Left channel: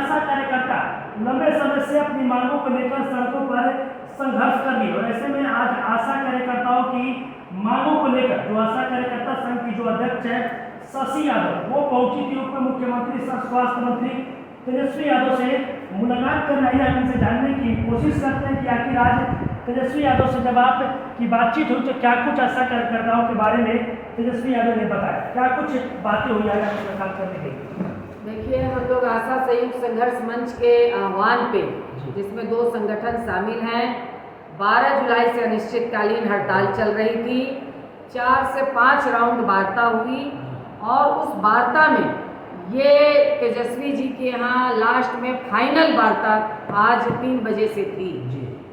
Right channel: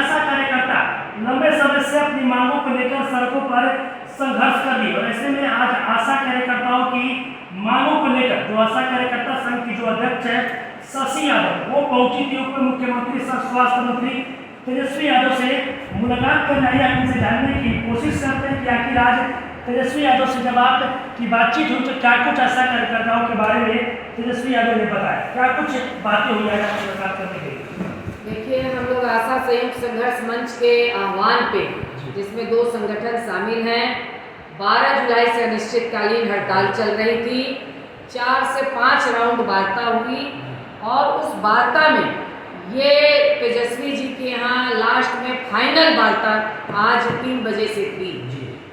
आशा कार्यकर्ता लंबे समय से अपनी मांगों को लेकर सड़कों पर संघर्ष कर रही है। और ऐसे में आज आशा कार्यकर्ताओं की मांगों को लेकर जो आशा कार्यकर्ता संघ की जो अध्यक्ष है शशि यादव, वो पहुंची थी उप मुख्यमंत्री सह स्वास्थ्य मंत्री तेजस्वी यादव से मुलाकात करने आई है। उनसे जानने की कोशिश करते हैं कि आखिर आज तेजस्वी यादव से जब आपकी बातचीत हुई तो क्या कुछ आशा कार्यकर्ताओं के बारे में तेजस्वी यादव ने बताया, क्या कुछ बातें हुई आज मुलाकात करने के लिए? देखिए, हम लोग आशा संयुक्त संघर्ष मंच के आह्वान पे, जिसमें 2 संगठन शामिल हैं, 12 जुलाई से अनिश्चितकालीन हड़ताल चल रही थी। 4 से 5 राउंड वार्ता हुई और उस वार्ता में ये तेजस्वी जी के यहाँ लास्ट में फाइनल वार्ता आज 3 बजे से थी।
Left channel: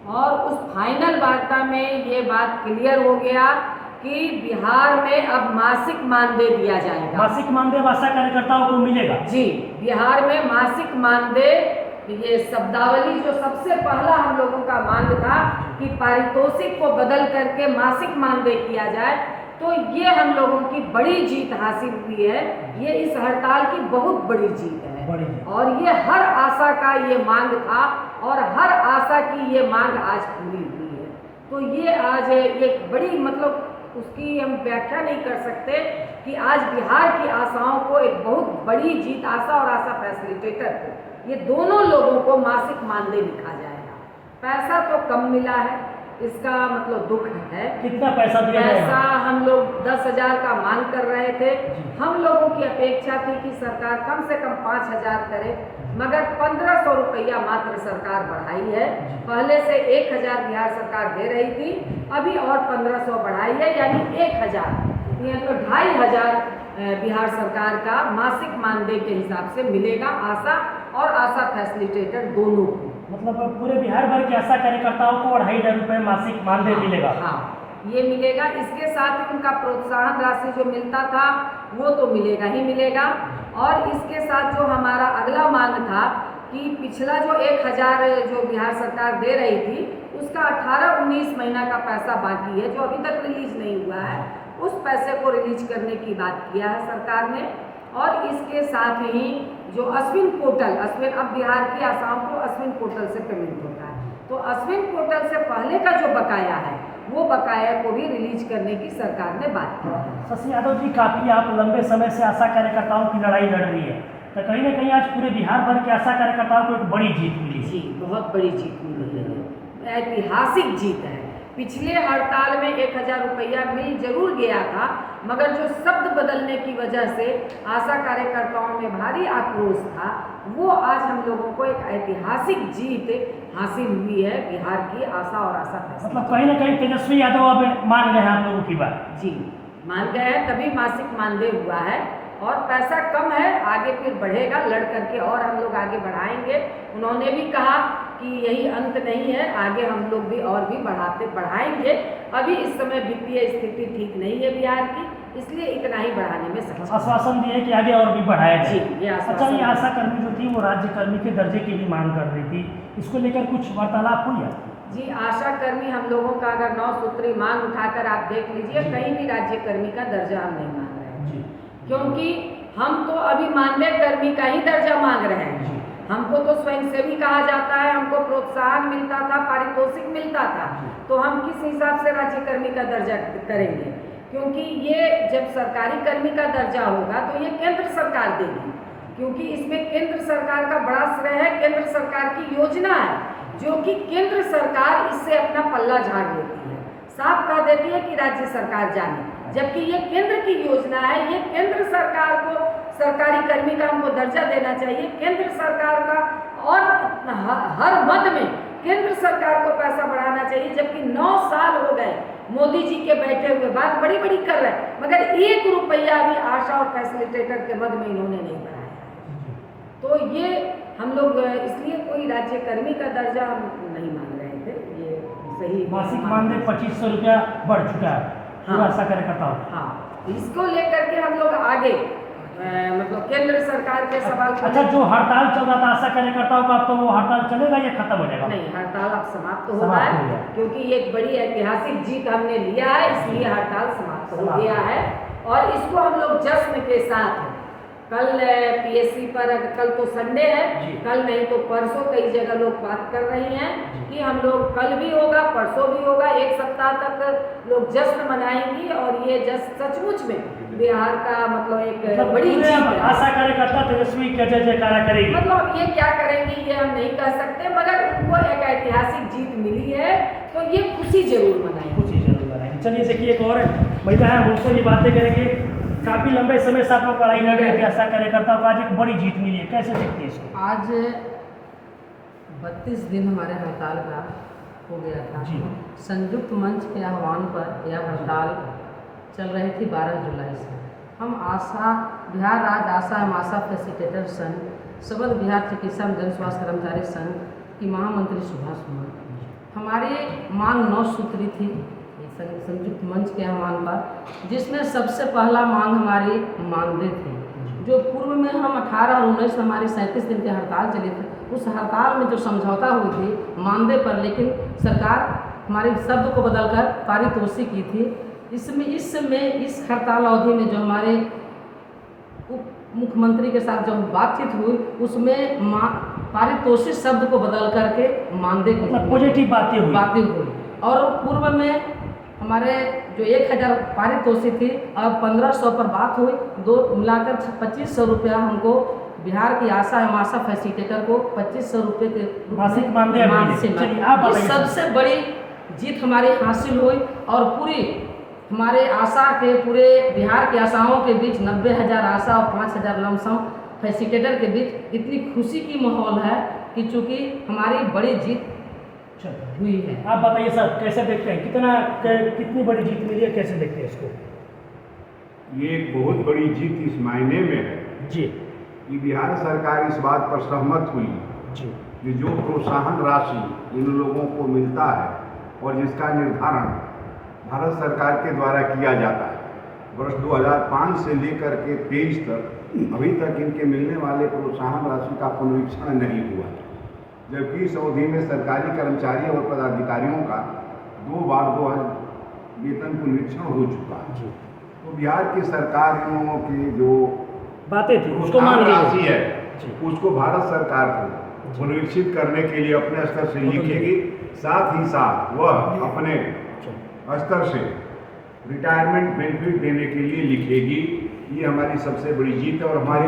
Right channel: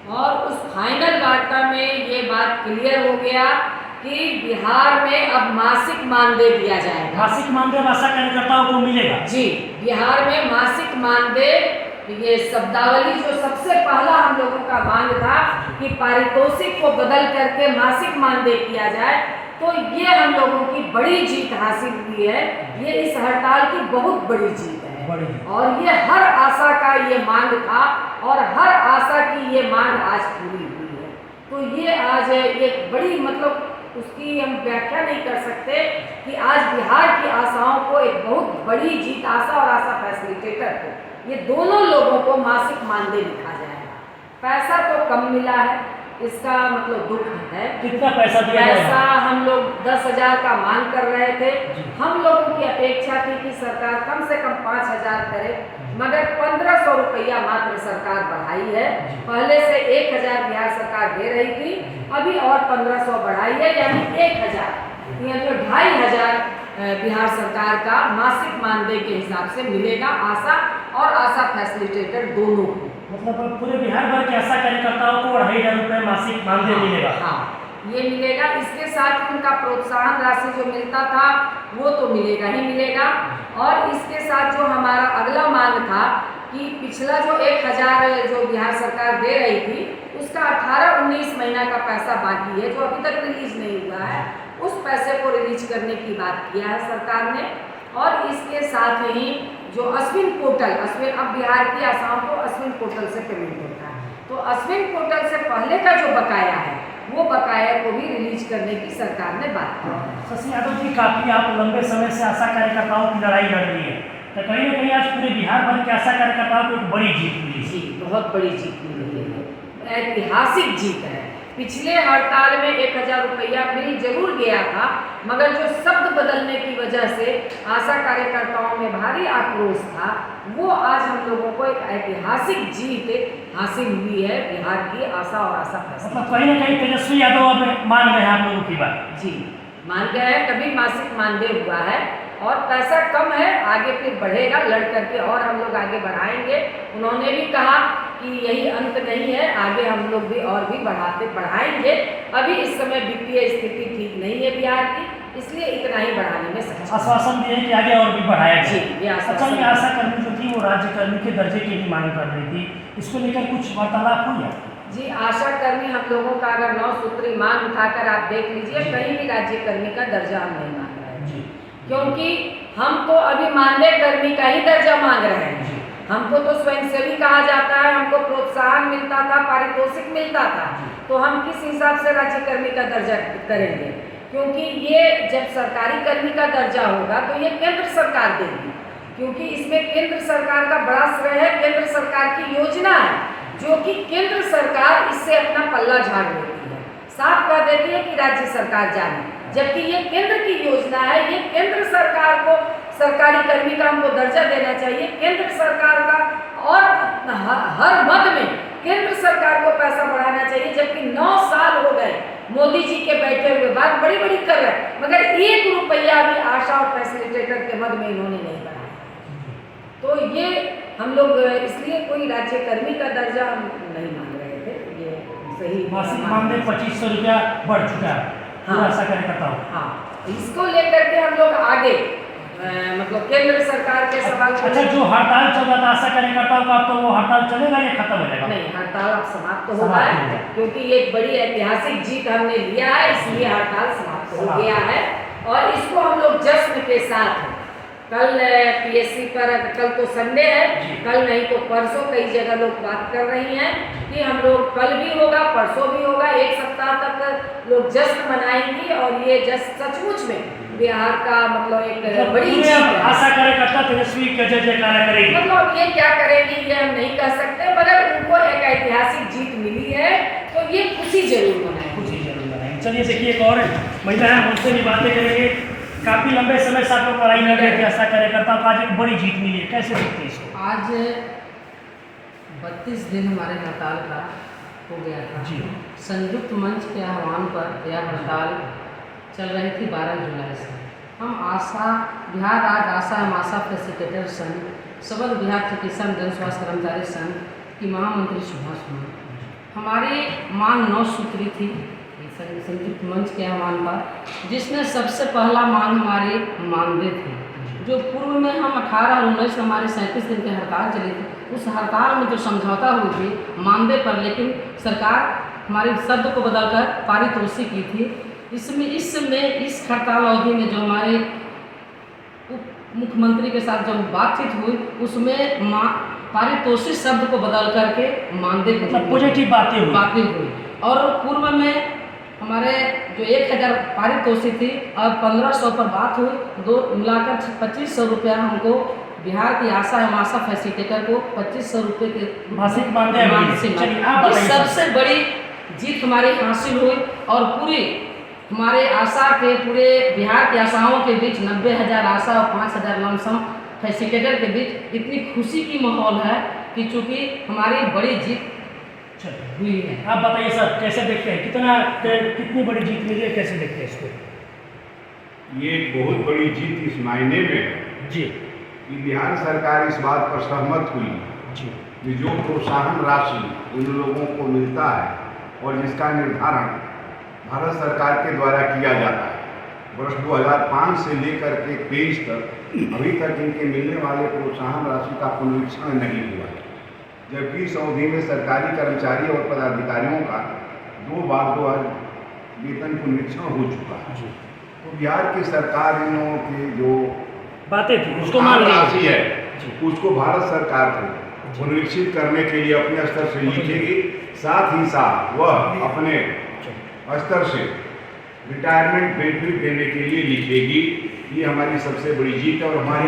और उस फाइनल वार्ता में ये बात क्लियर हो गया कि बिहार में अब मासिक मानदेय दिया जाएगा। मासिक मानदेय आशा कार्यकर्ताओं को मिलेगा? जी, बिहार में मासिक मानदेय, ये शब्दावली जो सबसे पहला हम लोगों का मांग था कि पारितोषिक को बदल करके मासिक मानदेय किया जाए, तो ये हम लोगों की बड़ी जीत हासिल हुई है। ये इस हड़ताल की बहुत बड़ी जीत है और ये हर आशा का ये मांग था और हर आशा की ये मांग आज पूरी हुई है। तो ये आज एक बड़ी, मतलब उसकी हम व्याख्या नहीं कर सकते कि आज बिहार की आशाओं को एक बहुत बड़ी जीत, आशा और आशा फैसिलिटेटर को, ये दोनों लोगों को मासिक मानदेय लिखा जाएगा। पैसा तो कम मिला है, इसका मतलब दुख है। कितना पैसा दिया जाएगा? पैसा हम लोग 10,000 का मांग कर रहे थे। हम लोगों की अपेक्षा थी कि सरकार कम से कम 5,000 करे, मगर 1,500 रुपया मात्र सरकार बढ़ाई है। पहले से 1,000 बिहार सरकार दे रही थी, अभी और 1,500 बढ़ाई है, यानी 1,000, मतलब 2,500 बिहार सरकार का मासिक मानदेय के हिसाब से मिलेगा आशा और आशा फैसिलिटेटर दोनों को। मतलब पूरे बिहार भर के आशा कार्यकर्ताओं को 2,500 रुपये मासिक मानदेय मिलेगा? हाँ, ये मिलेगा। इसके साथ उनका प्रोत्साहन राशि जो मिलता था वो तो मिलेगा ही मिलेगा। और इसके साथ जो हमारा अगला मांग था कि पिछला जो 1,000 जो बिहार सरकार दे रही थी, उसका 18-19 महीना का पैसा बाकी है जो अभी तक रिलीज नहीं हुआ है, उस पैसे को रिलीज करने की बात किया है सरकार ने। और इसके साथ ही जो अश्विन पोर्टल, अब बिहार की आसाम को अश्विन पोर्टल से पेमेंट होता है, तो अश्विन पोर्टल से पहले का जो बकाया है वो बकाया को भी रिलीज करने की सरकार ने बात की। शशि यादव जी, काफ़ी आप लंबे समय से आशा कार्यकर्ताओं की लड़ाई लड़ रही है, तो कहीं ना कहीं आज पूरे बिहार भर के आशा कार्यकर्ताओं को एक बड़ी जीत मिली। जी, बहुत बड़ी जीत मिली है, ऐतिहासिक जीत है। पिछले हड़ताल में 1,000 रुपया मिल जरूर गया था, मगर जो शब्द बदलने की वजह से आशा कार्यकर्ताओं में भारी आक्रोश था, वो आज हम लोगों को एक ऐतिहासिक जीत हासिल हुई है बिहार की आशा और आशा फैसिलिटेटर। मतलब कहीं ना कहीं तेजस्वी यादव अब मान गए हैं आप लोगों की बात? जी, मान गए हैं। तभी मासिक मानदेय हुआ है और पैसा कम है, आगे फिर बढ़ेगा, लड़ करके और हम लोग आगे बढ़ाएंगे। उन्होंने भी कहा कि यही अंत नहीं है, आगे हम लोग भी और भी बढ़ाएंगे। अभी इस समय वित्तीय स्थिति ठीक नहीं है बिहार की, इसलिए इतना ही बढ़ाने में सक्षम। आश्वासन दिए कि आगे और भी बढ़ाया जाए। जी, ये अच्छा, ये आशा कर्मी जो थी वो राज्य कर्मी के दर्जे की भी मांग कर रही थी, इसको लेकर कुछ वार्तालाप हुई है? जी, आशा कर्मी हम लोगों का अगर 9 सूत्री मांग उठाकर आप देख लीजिए, कहीं भी राज्य कर्मी का दर्जा हम नहीं मांग रहे हैं, क्योंकि हम तो अभी मानदेय कर्मी का ही दर्जा मांग रहे हैं। हमको तो स्वयंसेवी कहा जाता है, हमको प्रोत्साहन मिलता था, पारितोषिक मिलता था, तो हम किस हिसाब से राज्य कर्मी का दर्जा करेंगे? क्योंकि ये जब सरकारी कर्मी का दर्जा होगा तो ये केंद्र सरकार देगी, क्योंकि इसमें केंद्र सरकार का बड़ा श्रेय है। केंद्र सरकार की योजना है जो कि केंद्र सरकार इससे अपना पल्ला झाड़ लेती है, साफ कह देती है कि राज्य सरकार जाने, जबकि ये केंद्र की योजना है। ये केंद्र सरकार को सरकारी कर्मी का हमको दर्जा देना चाहिए, केंद्र सरकार का, और हर मद में केंद्र सरकार को पैसा बढ़ाना चाहिए। जबकि 9 साल हो गए मोदी जी के बैठे हुए, बात बड़ी बड़ी कर रहे हैं, मगर 1 रुपया भी आशा और फैसिलिटेटर के मद में इन्होंने नहीं बढ़ाया। तो ये हम लोग इसलिए कोई राज्य कर्मी का दर्जा हम नहीं मांग रहे थे, ये सही। मासिक मानदेय 2,500 रुपया बढ़ चुका है। हाँ, आशा कार्यकर्ताओं। हाँ, इसको लेकर के हम लोग आगे मतलब केंद्र सरकार के सवाल। अच्छा, जो हड़ताल चल रहा था आशा कार्यकर्ताओं का, तो वो हड़ताल चलेगा या खत्म हो जाएगा? नहीं, हड़ताल अब समाप्त हो गया है, क्योंकि ये एक बड़ी ऐतिहासिक जीत हमने लिया है, इसलिए हड़ताल समाप्त हो गया है। और इसको हम लोग जश्न के साथ कल पीएससी पर, कल तो संडे जी। है, कल नहीं तो परसों कई जगह लोग बात कर रही हैं कि हम लोग कल भी होगा, परसों भी होगा, एक सप्ताह तक लोग जश्न मनाएंगी और ये जश्न सचमुच में बिहार का मतलब एक बड़ी जीत है। आशा कार्यकर्ता तेजस्वी का जय जयकारा करेगी। मतलब ये क्या करेंगी ये हम नहीं कह सकते, मगर उनको एक ऐतिहासिक जीत मिली है तो ये खुशी जरूर मनाएंगे। खुशी जरूर मनाएंगे। चलिए देखिए, एक और महिला है, उनसे भी बातें करेंगे। काफी लंबे समय से आप लोग लड़ाई लड़ रहे थे आशा कार्यकर्ताओं को, आज एक बड़ी जीत मिली है, कैसे देखते हैं इसको? आज 32 दिन हमारे हड़ताल का हो गया था जी। संयुक्त मंच के आह्वान पर यह हड़ताल चल रही थी 12 जुलाई से। हम आशा बिहार राज्य आशा एवं आशा फैसिलिटेटर संघ, सबल बिहार चिकित्सा जन स्वास्थ्य कर्मचारी संघ की महामंत्री सुभाष सुमन, हमारी मांग 9 सूत्री थी संयुक्त मंच के आह्वान पर, जिसमें सबसे पहला मांग हमारी मानदेय थी। जो पूर्व में हम 18 और 19 हमारी 37 दिन की हड़ताल चली थी, उस हड़ताल में जो समझौता हुई थी मानदेय पर, लेकिन सरकार हमारे शब्द को बदलकर पारितोषिक की थी। इस हड़ताल अवधि में जो हमारे उप मुख्यमंत्री के साथ जो बातचीत हुई, उसमें पारितोषिक शब्द को बदल करके मानदेय मतलब पॉजिटिव बातें हुई। और पूर्व में हमारे जो 1000 पारितोषिक थी, अब 1500 पर बात हुई, दो मिलाकर 2500 रुपया हमको बिहार की आशा एवं आशा फैसिलिटेटर को 2500 रुपये के मासिक मानदेय ये सबसे बड़ी जीत हमारी हासिल हुई। और पूरी हमारे आशा के पूरे बिहार की आशाओं के बीच 90,000 आशा और 5000 लमसम फैसिलिटेटर के बीच इतनी खुशी की माहौल है कि चूँकि हमारी बड़ी जीत हुई है। आप बताइए सर, कैसे देखते हैं, कितनी बड़ी जीत मिली है, कैसे देखते हैं इसको? ये एक बहुत बड़ी जीत इस मायने में है जी कि बिहार सरकार इस बात पर सहमत हुई जी कि जो प्रोत्साहन राशि इन लोगों को मिलता है और जिसका निर्धारण भारत सरकार के द्वारा किया जाता है, वर्ष 2005 से लेकर के 23 तक अभी तक इनके मिलने वाले प्रोत्साहन राशि का पुनरीक्षण नहीं हुआ है, जबकि इस अवधि में सरकारी कर्मचारी और पदाधिकारियों का 2 बार वेतन पुनरीक्षण हो चुका है। तो बिहार की सरकार इन लोगों की जो बातें थी उसको मान मान राशि है जी। उसको भारत सरकार को पुनरीक्षित करने के लिए अपने स्तर से लिखेगी, साथ ही साथ वह अपने स्तर से रिटायरमेंट बेनिफिट देने के लिए लिखेगी। ये हमारी सबसे बड़ी जीत है और हमारी